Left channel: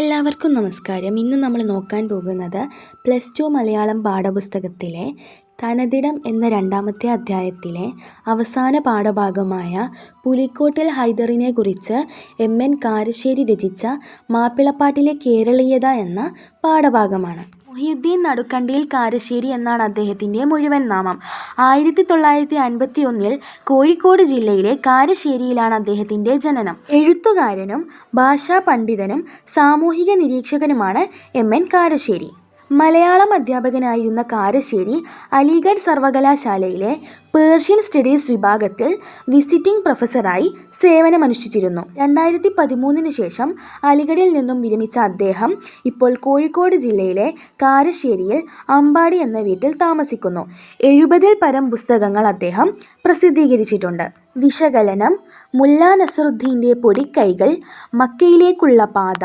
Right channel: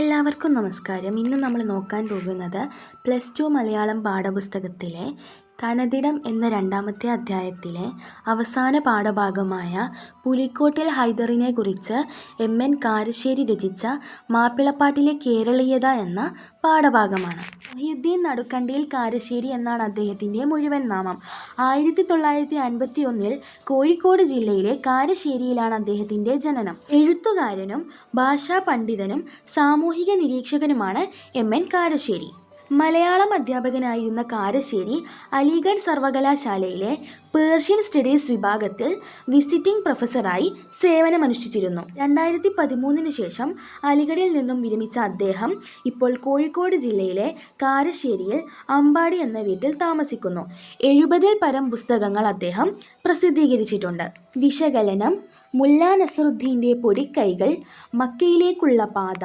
എല്ലാവർക്കും നമസ്കാരം. ഇന്ന് നമ്മൾ നോക്കാൻ പോകുന്നത് +2 മലയാളം പാഠപുസ്തകത്തിലെ തനതിടം എന്ന 2ാമത്തെ അധ്യായത്തിലെ അവസാന പാഠഭാഗമായ പുലിക്കോട്ടിൽ ഹൈദറിനെ കുറിച്ച് എം.എൻ. കാരശ്ശേരി രചിച്ച മാപ്പിളപ്പാട്ടിലെ കേരളീയത എന്ന പാഠഭാഗമാണ്. മൊഹിയുദ്ദീൻ നടുക്കണ്ടിയിൽ കാരശ്ശേരി എന്നാണ് അദ്ദേഹത്തിൻ്റെ മുഴുവൻ നാമം. 1951 കോഴിക്കോട് ജില്ലയിലെ കാരശ്ശേരിയിലാണ് അദ്ദേഹത്തിൻ്റെ ജനനം. എഴുത്തുകാരനും ഭാഷാ പണ്ഡിതനും സാമൂഹിക നിരീക്ഷകനുമാണ് എം.എൻ. കാരശ്ശേരി. മലയാളം അധ്യാപകനായിരുന്ന കാരശ്ശേരി അലിഗഡ് സർവകലാശാലയിലെ പേർഷ്യൻ സ്റ്റഡീസ് വിഭാഗത്തിൽ വിസിറ്റിംഗ് പ്രൊഫസറായി സേവനമനുഷ്ഠിച്ചിരുന്നു. 2013 ശേഷം അലിഗഡിൽ നിന്നും വിരമിച്ച അദ്ദേഹം ഇപ്പോൾ കോഴിക്കോട് ജില്ലയിലെ കാരശ്ശേരിയിൽ അമ്പാടി എന്ന വീട്ടിൽ താമസിക്കുന്നു. 70-ൽ പരം പുസ്തകങ്ങൾ അദ്ദേഹം പ്രസിദ്ധീകരിച്ചിട്ടുണ്ട്. വിശകലനം, മുല്ലാ നസറുദ്ദീൻ്റെ പൊടിക്കൈകൾ, മക്കയിലേക്കുള്ള പാത,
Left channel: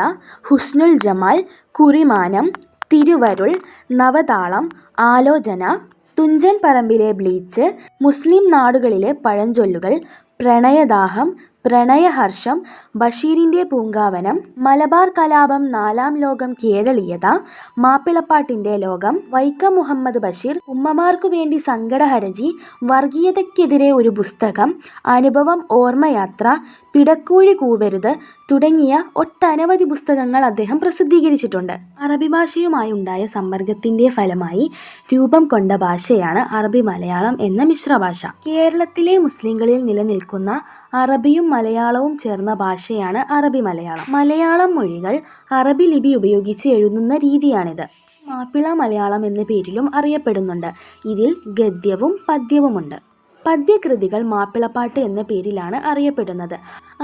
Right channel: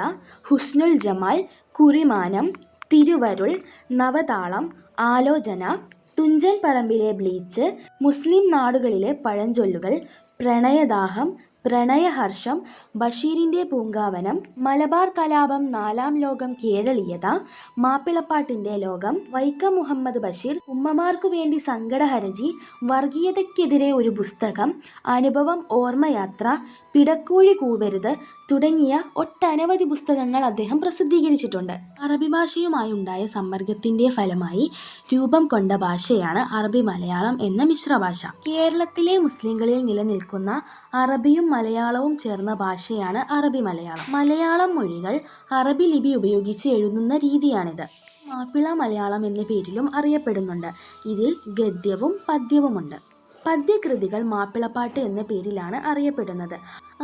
ഹുസ്നുൽ ജമാൽ, കുറിമാനം, തിരുവരുൾ, നവതാളം, ആലോചന, തുഞ്ചൻ പറമ്പിലെ ബ്ലീച്ച്, മുസ്ലിം നാടുകളിലെ പഴഞ്ചൊല്ലുകൾ, പ്രണയദാഹം, പ്രണയഹർഷം, ബഷീറിൻ്റെ പൂങ്കാവനം, മലബാർ കലാപം, 4-ാം ലോകം, കേരളീയത, മാപ്പിളപ്പാട്ടിൻ്റെ ലോകം, വൈക്കം മുഹമ്മദ് ബഷീർ, ഉമ്മമാർക്കു വേണ്ടി സങ്കടഹരജി, വർഗീയതയ്ക്കെതിരെ ഒരു പുസ്തകം, അനുഭവം, ഓർമ്മയാത്ര, പിടക്കോഴി കൂവരുത് തുടങ്ങിയ ഒട്ടനവധി പുസ്തകങ്ങൾ അദ്ദേഹം പ്രസിദ്ധീകരിച്ചിട്ടുണ്ട്. അറബി ഭാഷയുമായുണ്ടായ സമ്പർക്കത്തിൻ്റെ ഫലമായി രൂപം കൊണ്ട ഭാഷയാണ് അറബി മലയാളം എന്ന മിശ്രഭാഷ. കേരളത്തിലെ മുസ്ലിങ്ങളിൽ നിലനിൽക്കുന്ന അറബിയും മലയാളവും ചേർന്ന ഭാഷയാണ് അറബി മലയാളം. മലയാളം മൊഴികൾ അറബി ലിപി ഉപയോഗിച്ച് എഴുതുന്ന രീതിയാണിത്. മാപ്പിള മലയാളം എന്ന പേരിലും അറിയപ്പെടുന്നുണ്ട്. ഇതിൽ ഗദ്യവും പദ്യവുമുണ്ട്. പദ്യകൃതികൾ മാപ്പിളപ്പാട്ട് എന്ന പേരിലാണ് അറിയപ്പെടുന്നത്.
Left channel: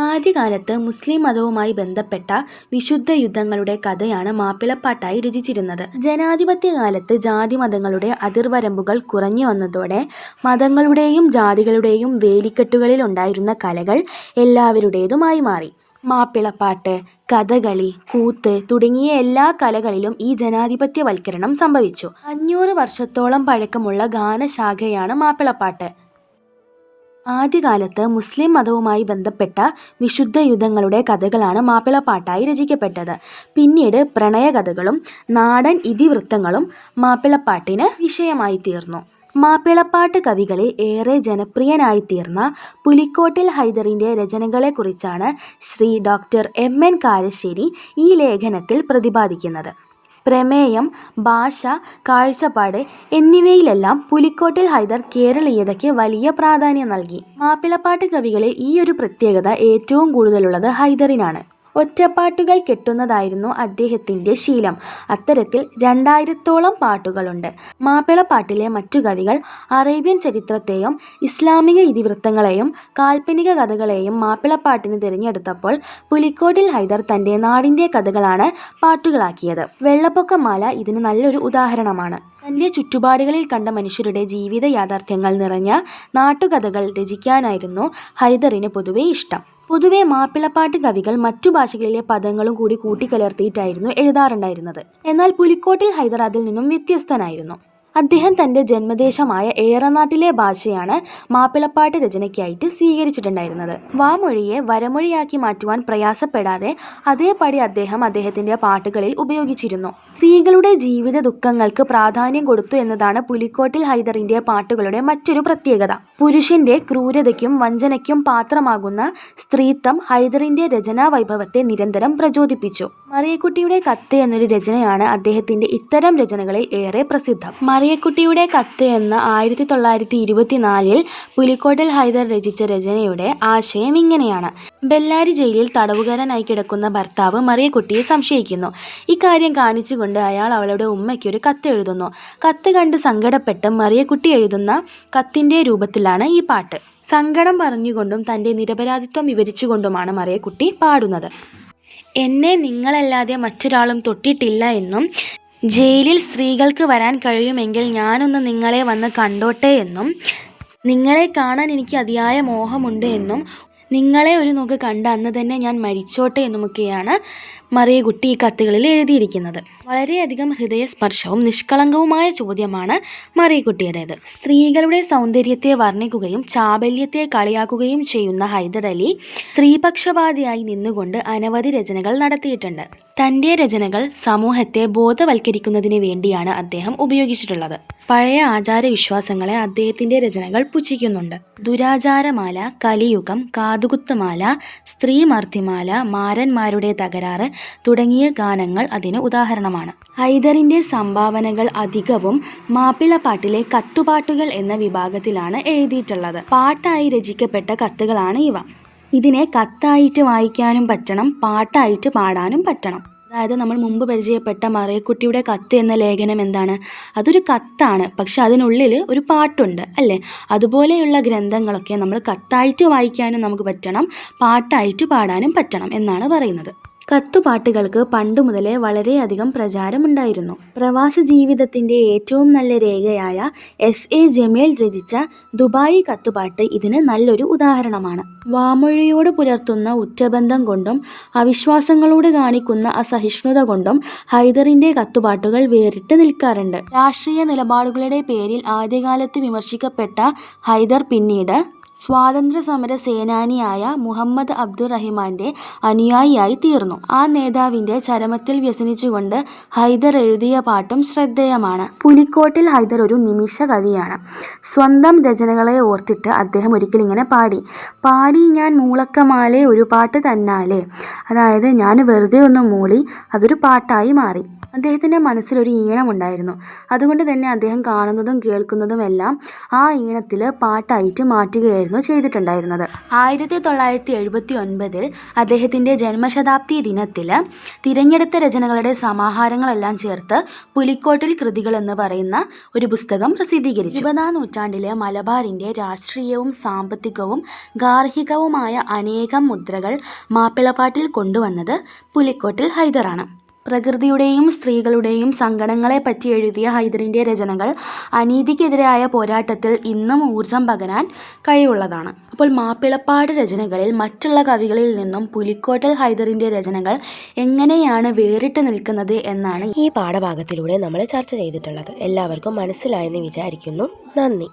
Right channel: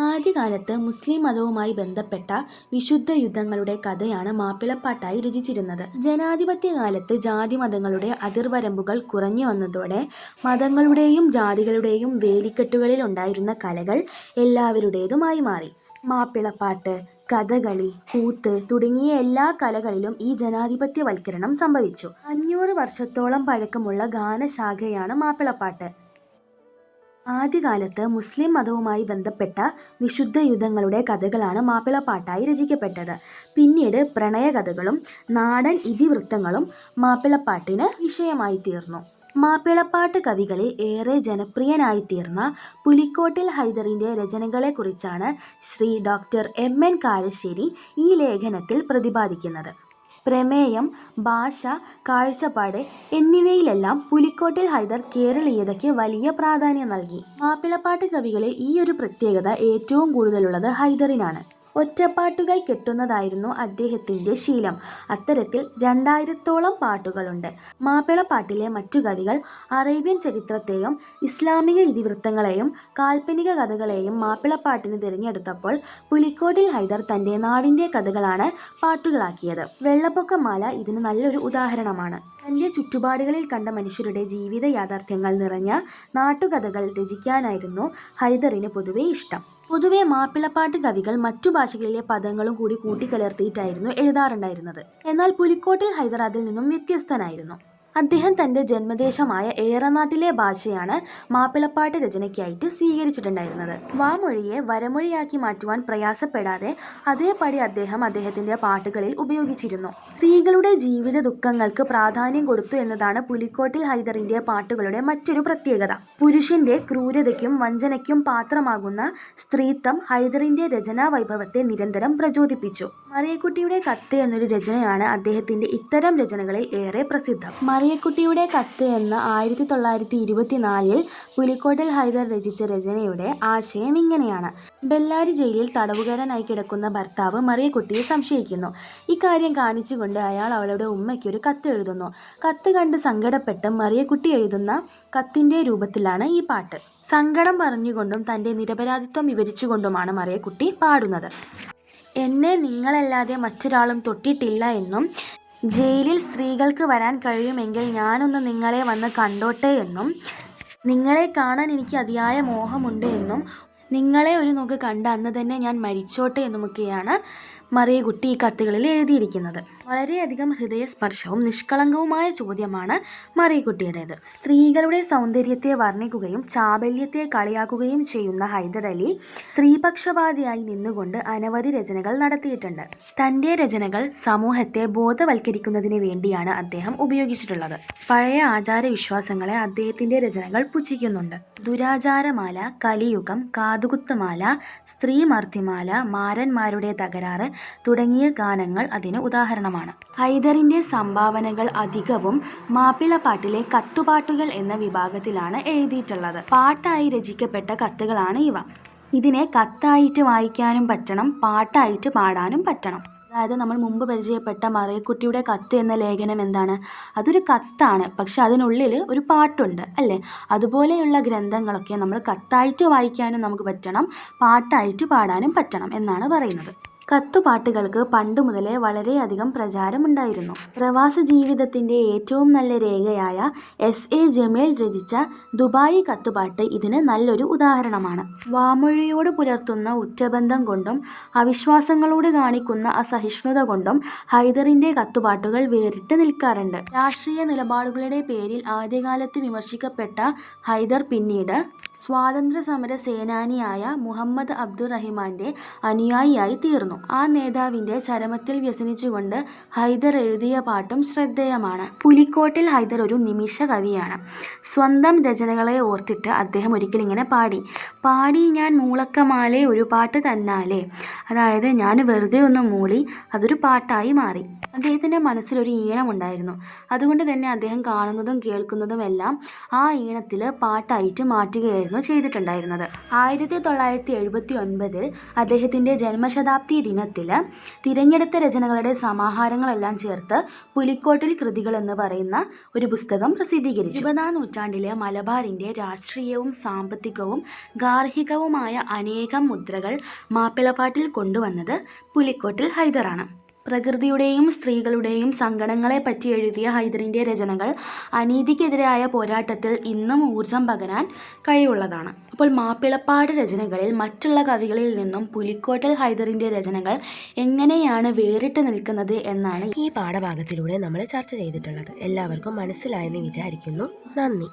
ആദ്യകാലത്ത് മുസ്ലിം മതവുമായി ബന്ധപ്പെട്ട വിശുദ്ധ യുദ്ധങ്ങളുടെ കഥയാണ് മാപ്പിളപ്പാട്ടായി രചിച്ചിരുന്നത്. ജനാധിപത്യകാലത്ത് ജാതിമതങ്ങളുടെ അതിർവരമ്പുകൾ കുറഞ്ഞു വന്നതോടെ മതങ്ങളുടെയും ജാതികളുടെയും വേലിക്കെട്ടുകളിൽ ഉണ്ടായിരുന്ന കലകൾ എല്ലാവരുടേതുമായി മാറി. മാപ്പിളപ്പാട്ട്, കഥകളി, കൂത്ത് തുടങ്ങിയ എല്ലാ കലകളിലും ഈ ജനാധിപത്യവൽക്കരണം സംഭവിച്ചു. 500 വർഷത്തോളം പഴക്കമുള്ള ഗാനശാഖയാണ് മാപ്പിളപ്പാട്ട്. ആദ്യകാലത്ത് മുസ്ലിം മതവുമായി ബന്ധപ്പെട്ട വിശുദ്ധ യുദ്ധങ്ങളുടെ കഥകളാണ് മാപ്പിളപ്പാട്ടായി രചിക്കപ്പെട്ടത്. പിന്നീട് പ്രണയകഥകളും നാടൻ ഇതിവൃത്തങ്ങളും മാപ്പിളപ്പാട്ടിന് വിഷയമായി തീർന്നു. മാപ്പിളപ്പാട്ട് കവികളിൽ ഏറെ ജനപ്രിയനായിത്തീർന്ന പുലിക്കോട്ടിൽ ഹൈദറിൻ്റെ രചനകളെക്കുറിച്ചാണ് ശ്രീ ഡോക്ടർ എം.എൻ. കാരശ്ശേരി ഈ ലേഖനത്തിൽ പ്രതിപാദിക്കുന്നത്. പ്രമേയം, ഭാഷ, കാഴ്ചപ്പാട് എന്നിവയിലെല്ലാം പുലിക്കോട്ടിൽ ഹൈദർ കേരളീയതയ്ക്ക് വലിയ പ്രാധാന്യം നൽകി. മാപ്പിളപ്പാട്ട് കവികളിൽ ഈ ഒരു പ്രത്യേകത ഏറ്റവും കൂടുതലുള്ളത് ഹൈദറിനാണ്. ഒറ്റപ്പാട്ടുകൾ കെട്ടുന്നതായിരുന്നു അദ്ദേഹത്തിൻ്റെ ശീലം. അത്തരത്തിൽ 2000-ഓളം പാട്ടുകളുണ്ട്. മാപ്പിളപ്പാട്ടിലെ മറ്റു കവികൾ അറേബ്യൻ ചരിത്രത്തെയും ഇസ്ലാമിക ഇതിവൃത്തങ്ങളെയും കാൽപ്പനിക കഥകളെയും മാപ്പിളപ്പാട്ടിന് തിരഞ്ഞെടുത്തപ്പോൾ പുലിക്കോട്ടിൽ ഹൈദർ തൻ്റെ നാടിൻ്റെ കഥകളാണ് പാട്ടുകളാക്കിയത്. വെള്ളപ്പൊക്കമാല ഇതിന് നല്ലൊരു ഉദാഹരണമാണ്. തൻ്റെ ചുറ്റുപാടുകളിൽ കണ്ട മനുഷ്യരുടെ ജീവിത യാഥാർത്ഥ്യങ്ങൾ നിറഞ്ഞ നാട്ടുകഥകൾ രചിക്കാനായിരുന്നു ഹൈദറിന് പൊതുവെ ഇഷ്ടം. പൊതുവെ മാപ്പിളപ്പാട്ട് കവികൾ മറ്റു ഭാഷകളിലെ പദങ്ങളും കൂടി കൂട്ടിക്കലർത്തിയിട്ടായിരുന്നു എഴുതാറുണ്ടായിരുന്നത്. എന്നാൽ പുലിക്കോട്ടിൽ ഹൈദർ അതിൽ നിന്നും വ്യത്യസ്തനായിരുന്നു. അദ്ദേഹം തൻ്റെ ജന്മദേശമായ ഏറനാട്ടിലെ ഭാഷയാണ് മാപ്പിളപ്പാട്ട് രചനയ്ക്കായിട്ട് സ്വീകരിച്ചിട്ടുണ്ടായിരുന്നത്. വാമൊഴിയെ വരമൊഴിയാക്കി മാറ്റുവാൻ പ്രയാസപ്പെടാതെ അതേപടി അദ്ദേഹം അദ്ദേഹത്തിൻ്റെ പാട്ടുകളിൽ ഉപയോഗിച്ചിരുന്നു. സ്ത്രീകളുടെ ജീവിത ദുഃഖങ്ങൾക്ക് പ്രാധാന്യം കൊടുത്തു എന്നതാണ് പുലിക്കോട്ടിൽ ഹൈദറിൻ്റെ പാട്ടുകളുടെ മറ്റൊരു പ്രത്യേകത. പുരുഷൻ്റെ ക്രൂരതയ്ക്കും വഞ്ചനയ്ക്കും പാത്രമാകുന്ന സ്ത്രീത്വം ഹൈദറിൻ്റെ രചനാ വൈഭവത്തെ നിരന്തരം പ്രചോദിപ്പിച്ചു. മറിയക്കുട്ടിയുടെ കത്ത് എന്നൊരു രചനയാണ് അദ്ദേഹത്തിൻ്റെ ഇത്തരം രചനകളിൽ ഏറെ പ്രസിദ്ധം. മറിയക്കുട്ടിയുടെ കത്ത് എന്ന 1924 പുലിക്കോട്ടിൽ ഹൈദർ രചിച്ച രചനയുടെ ആശയം ഇങ്ങനെയാണ്. ബെല്ലാരി ജയിലിൽ തടവുകാരനായി കിടക്കുന്ന ഭർത്താവ് മറിയക്കുട്ടിയെ സംശയിക്കുന്നു. ഇക്കാര്യം കാണിച്ചുകൊണ്ട് അയാൾ അവളുടെ ഉമ്മയ്ക്കൊരു കത്ത് എഴുതുന്നു. കത്ത് കണ്ട് സങ്കടപ്പെട്ട് മറിയക്കുട്ടി എഴുതുന്ന കത്തിൻ്റെ രൂപത്തിലാണ് ഈ പാട്ട്. സങ്കടം പറഞ്ഞുകൊണ്ടും തൻ്റെ നിരപരാധിത്വം വിവരിച്ചുകൊണ്ടുമാണ് മറിയക്കുട്ടി പാടുന്നത്. എന്നെ നിങ്ങളല്ലാതെ മറ്റൊരാളും തൊട്ടിട്ടില്ല എന്നും ജയിലിൽ സ്ത്രീകൾക്ക് വരാൻ കഴിയുമെങ്കിൽ ഞാനൊന്ന് നിങ്ങളെ വന്ന് കണ്ടോട്ടെ എന്നും നിങ്ങളെ കാണാൻ എനിക്ക് അതിയായ മോഹമുണ്ട് എന്നും നിങ്ങളെ ഒരു നോക്ക് കണ്ട അന്ന് തന്നെ ഞാൻ മരിച്ചോട്ടെ എന്നുമൊക്കെയാണ് മറിയക്കുട്ടി ഈ കത്തുകളിൽ എഴുതിയിരിക്കുന്നത്. വളരെയധികം ഹൃദയസ്പർശവും നിഷ്കളങ്കവുമായ ചോദ്യമാണ് മറിയക്കുട്ടിയുടേത്. സ്ത്രീകളുടെ സൗന്ദര്യത്തെ വർണ്ണിക്കുകയും ചാബല്യത്തെ കളിയാക്കുകയും ചെയ്യുന്ന ഹൈദർ അലി സ്ത്രീപക്ഷപാതിയായി നിന്നുകൊണ്ട് അനവധി രചനകൾ നടത്തിയിട്ടുണ്ട്. തൻ്റെ രചനകൾ സമൂഹത്തെ ബോധവൽക്കരിക്കുന്നതിന് വേണ്ടിയാണ് അദ്ദേഹം ഉപയോഗിച്ചിട്ടുള്ളത്. പഴയ ആചാരവിശ്വാസങ്ങളെ അദ്ദേഹത്തിൻ്റെ രചനകൾ പുച്ഛിക്കുന്നുണ്ട്. ദുരാചാരമാല, കലിയുഗം, കാതുകുത്തുമാല, സ്ത്രീമർദ്ദിമാല, മാരന്മാരുടെ തകരാറ് തുടങ്ങിയ ഗാനങ്ങൾ അതിന് ഉദാഹരണമാണ്. ഹൈദറിൻ്റെ സംഭാവനകൾ അധികവും മാപ്പിളപ്പാട്ടിലെ കത്തുപാട്ടുകൾ എന്ന വിഭാഗത്തിലാണ് എഴുതിയിട്ടുള്ളത്. പാട്ടായി രചിക്കപ്പെട്ട കത്തുകളാണ് ഇവ. ഇതിനെ കത്തായിട്ട് വായിക്കാനും പറ്റണം, പാട്ടായിട്ട് പാടാനും പറ്റണം. അതായത് നമ്മൾ മുമ്പ് പരിചയപ്പെട്ട മറിയക്കുട്ടിയുടെ കത്ത് എന്ന ലേഖനം എന്താണ്? അതൊരു കത്താണ്, പക്ഷെ അതിനുള്ളിൽ ഒരു പാട്ടുണ്ട് അല്ലേ? അതുപോലെയുള്ള ഗ്രന്ഥങ്ങളൊക്കെ നമ്മൾ കത്തായിട്ട് വായിക്കാനും നമുക്ക് പറ്റണം, പാട്ടായിട്ട് പാടാനും പറ്റണം എന്നാണ് പറയുന്നത്. കത്തുപാട്ടുകൾക്ക് പണ്ടു മുതലേ വളരെയധികം പ്രചാരമുണ്ടായിരുന്നു. പ്രവാസ ജീവിതത്തിൻ്റെ ഏറ്റവും നല്ല രേഖയായ S.A. ജമീൽ രചിച്ച ദുബായി കത്തുപാട്ട് ഇതിന് നല്ലൊരു ഉദാഹരണമാണ്. വാമൊഴിയോട് പുലർത്തുന്ന ഉറ്റബന്ധം കൊണ്ടും അവിശ്വാസങ്ങളോട് കാണിക്കുന്ന അസഹിഷ്ണുത കൊണ്ടും ഹൈദറിൻ്റെ കത്തുപാട്ടുകൾ വേറിട്ട് നിൽക്കാറുണ്ട്. രാഷ്ട്രീയ നിലപാടുകളുടെ പേരിൽ ആദ്യകാലത്ത് വിമർശിക്കപ്പെട്ട ഹൈദർ പിന്നീട് സ്വാതന്ത്ര്യ സമര സേനാനിയായ മുഹമ്മദ് അബ്ദുറഹിമാൻ്റെ അനുയായിയായി തീർന്നു. ആ നേതാവിൻ്റെ ചരമത്തിൽ വ്യസനിച്ചുകൊണ്ട് ഹൈദർ എഴുതിയ പാട്ടും ശ്രദ്ധേയമാണ്. പുലിക്കോട്ടിൽ ഹൈദർ ഒരു നിമിഷ കവിയാണ്. സ്വന്തം രചനകളെ ഓർത്തിട്ട് അദ്ദേഹം ഒരിക്കൽ ഇങ്ങനെ പാടി ഞാൻ മൂളക്കമാലെ ഒരു പാട്ട് തന്നാലേ. അതായത് ഞാൻ വെറുതെ ഒന്ന് മൂളി അതൊരു പാട്ടായി മാറി. അദ്ദേഹത്തിൻ്റെ മനസ്സിലൊരു ഈണമുണ്ടായിരുന്നു. അതുകൊണ്ട് തന്നെ അദ്ദേഹം കാണുന്നതും കേൾക്കുന്നതും എല്ലാം ആ ഈണത്തിൽ പാട്ടായിട്ട് മാറ്റുകയായിരുന്നു ചെയ്തിട്ടുണ്ടായിരുന്നത്. 1979 അദ്ദേഹത്തിൻ്റെ ജന്മശതാബ്ദി ദിനത്തിൽ തിരഞ്ഞെടുത്ത രചനകളുടെ സമാഹാരങ്ങളെല്ലാം ചേർത്ത് പുലിക്കോട്ടിൽ കൃതികൾ എന്ന് പറയുന്ന ഒരു പുസ്തകം പ്രസിദ്ധീകരിച്ചു. 20-ാം നൂറ്റാണ്ടിലെ മലബാറിൻ്റെ രാഷ്ട്രീയവും സാമ്പത്തികവും ഗാർഹികവുമായ അനേകം മുദ്രകൾ മാപ്പിളപ്പാട്ടിൽ കൊണ്ടുവന്നത് പുലിക്കോട്ടിൽ ഹൈദറാണ്. പ്രകൃതിയുടെയും സ്ത്രീകളുടെയും സങ്കടങ്ങളെപ്പറ്റി എഴുതിയ ഹൈദറിൻ്റെ രചനകൾ അനീതിക്കെതിരായ പോരാട്ടത്തിൽ ഇന്നും ഊർജം പകരാൻ കഴിവുള്ളതാണ്. അപ്പോൾ മാപ്പിളപ്പാട്ട് രചനകളിൽ മറ്റുള്ള കവികളിൽ നിന്നും പുലിക്കോട്ടിൽ ഹൈദറിൻ്റെ രചനകൾ എങ്ങനെയാണ് വേറിട്ട് നിൽക്കുന്നത് എന്നാണ് ഈ പാഠഭാഗത്തിലൂടെ നമ്മൾ ചർച്ച ചെയ്തിട്ടുള്ളത്. എല്ലാവർക്കും മനസ്സിലായെന്ന് വിചാരിക്കുന്നു. നന്ദി.